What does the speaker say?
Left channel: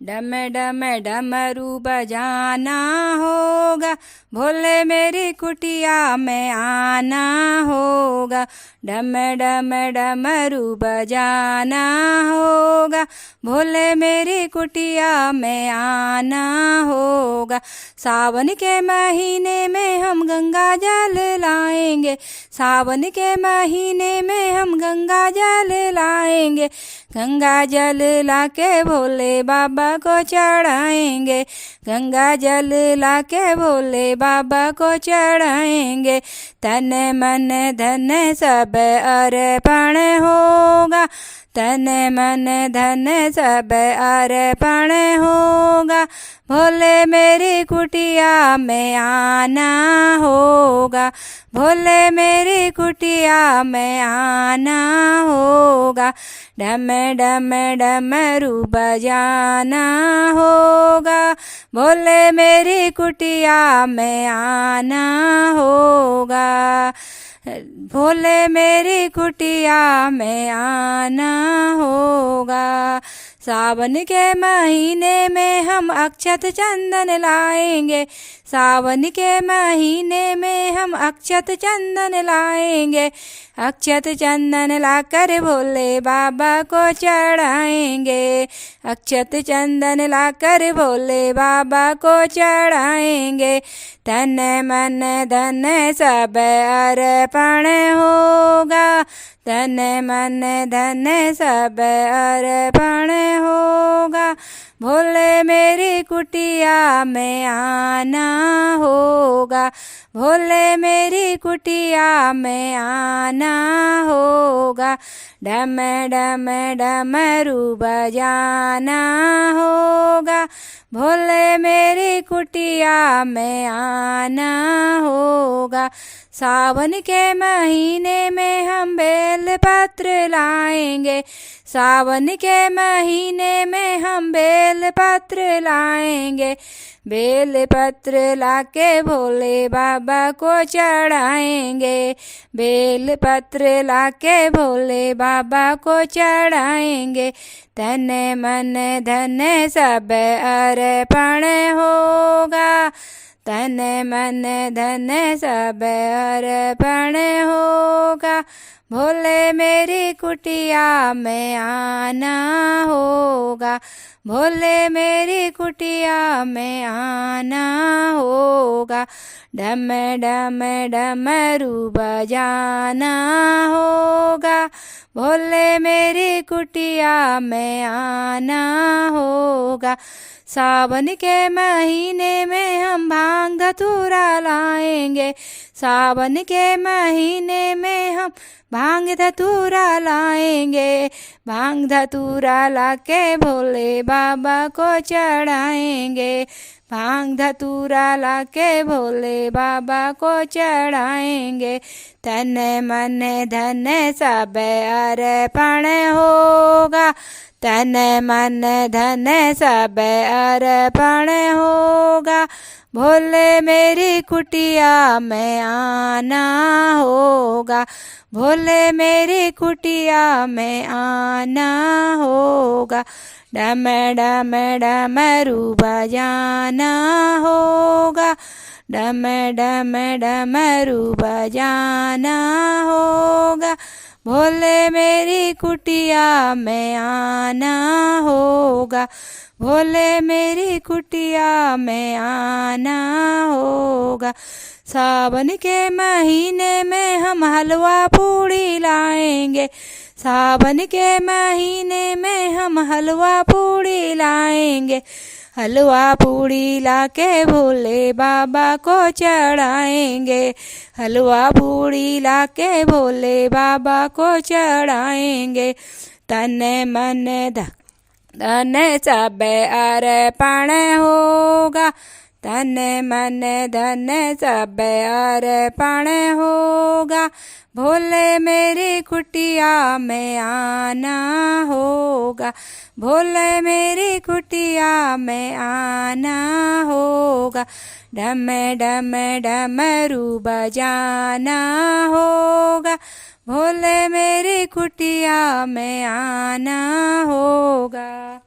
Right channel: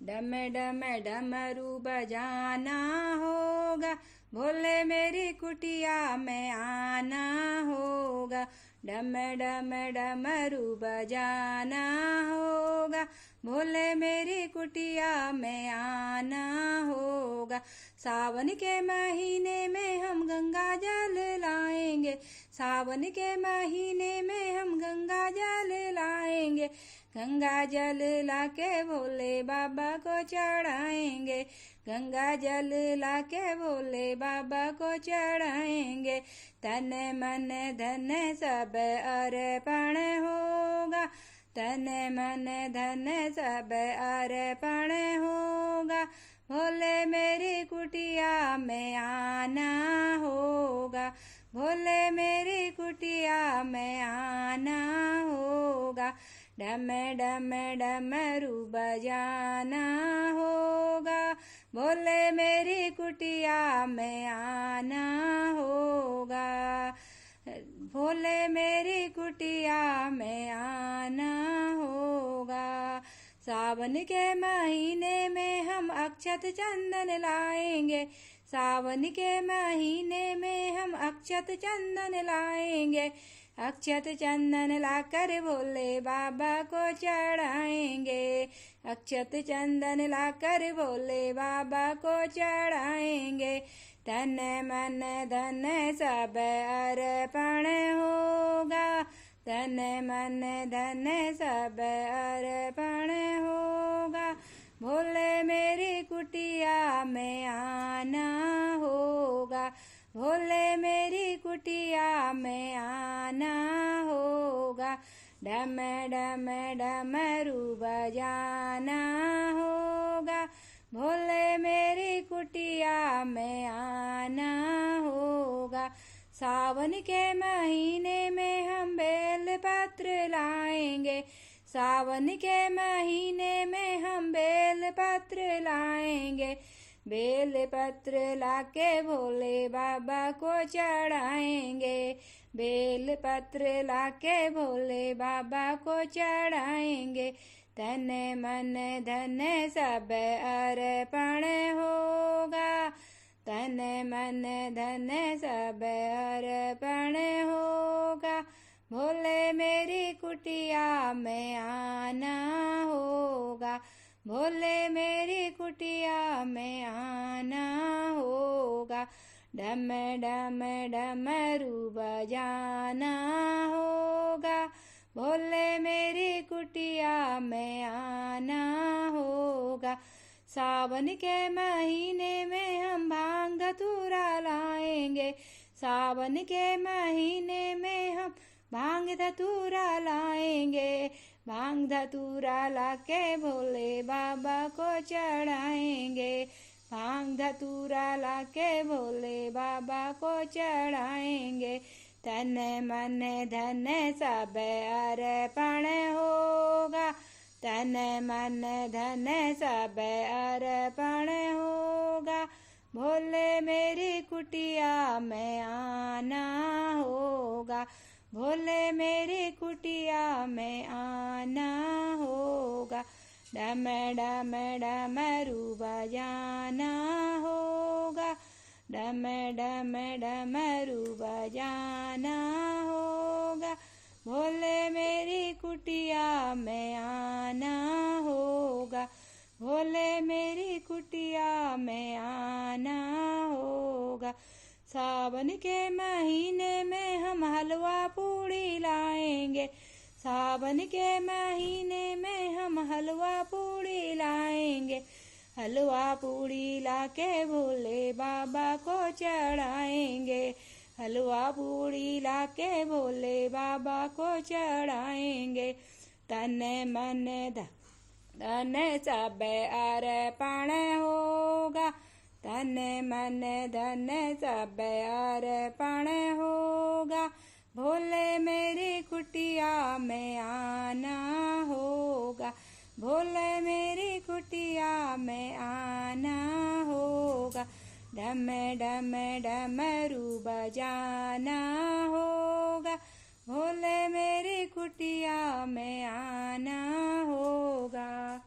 डम डम डमरू बजाना होगा, भोले मेरी कुटिया में आना होगा। डम डम डमरू बजाना होगा, भोले मेरी कुटिया में आना होगा। सावन के महीने में हम गंगा जल लाएंगे, सावन के महीने में हम गंगा जल लाएंगे। गंगा जल लाके भोले बाबा को चढ़ाएंगे, गंगा जल लाके भोले बाबा को चढ़ाएंगे। तन मन धन सब अर्पण होगा, तन मन धन सब अर्पण होगा। भोले मेरी कुटिया में आना होगा, भोले मेरी कुटिया में आना होगा। डम डम डमरू बजाना होगा, भोले मेरी कुटिया में आना होगा। भोले मेरी कुटिया में आना होगा। सावन के महीने में हम अक्षत चंदन लाएंगे, सावन के महीने में हम अक्षत चंदन लाएंगे। अक्षत चंदन लाकर भोले बाबा को चढ़ाएंगे, अक्षत चंदन लाकर भोले बाबा को चढ़ाएंगे। तन मन धन सब अर्पण होगा, तन मन धन सब अर्पण होगा। भोले मेरी कुटिया में आना होगा, भोले मेरी कुटिया में आना होगा। डम डम डमरू बजाना होगा, भोले मेरी कुटिया में आना होगा। सावन के महीने में हम बेल पत्र लाएंगे, सावन के महीने में हम बेल पत्र लाएंगे। बेल पत्र लाके भोले बाबा को चढ़ाएंगे, बेल पत्र लाके भोले बाबा को चढ़ाएंगे। तन मन धन सब अर्पण होगा, तन मन धन सब अर्पण होगा। भोले मेरी कुटिया में आना होगा, भोले मेरी कुटिया में आना होगा। डम डम डमरू बजाना होगा, भोले मेरी कुटिया में आना होगा। सावन के महीने में हम भांग धतूरा लाएंगे, सावन के महीने में हम भांग धतूरा लाएंगे। भांग धतूरा लाके भोले बाबा को चढ़ाएंगे, भांग धतूरा लाके भोले बाबा को चढ़ाएंगे। तन मन धन सब अर्पण होगा, तन मन धन सब अर्पण होगा। भोले मेरी कुटिया में आना होगा, भोले मेरी कुटिया में आना होगा। डम डम डमरू बजाना होगा, डम डम डमरू बजाना होगा। भोले मेरी कुटिया में आना होगा, भोले मेरी कुटिया में आना होगा। सावन के महीने में हम हलवा पूड़ी लाएंगे, सावन के महीने में हम हलवा पूड़ी लाएंगे। हलवा पूड़ी लाके भोले बाबा को चढ़ाएंगे, हलवा पूड़ी लाके भोले बाबा को चढ़ाएंगे। तन मन धन सब अर्पण होगा, तन मन धन सब अर्पण होगा। भोले मेरी कुटिया में आना होगा, भोले मेरी कुटिया में आना होगा। डम डम डमरू बजाना होगा, भोले मेरी कुटिया में आना होगा।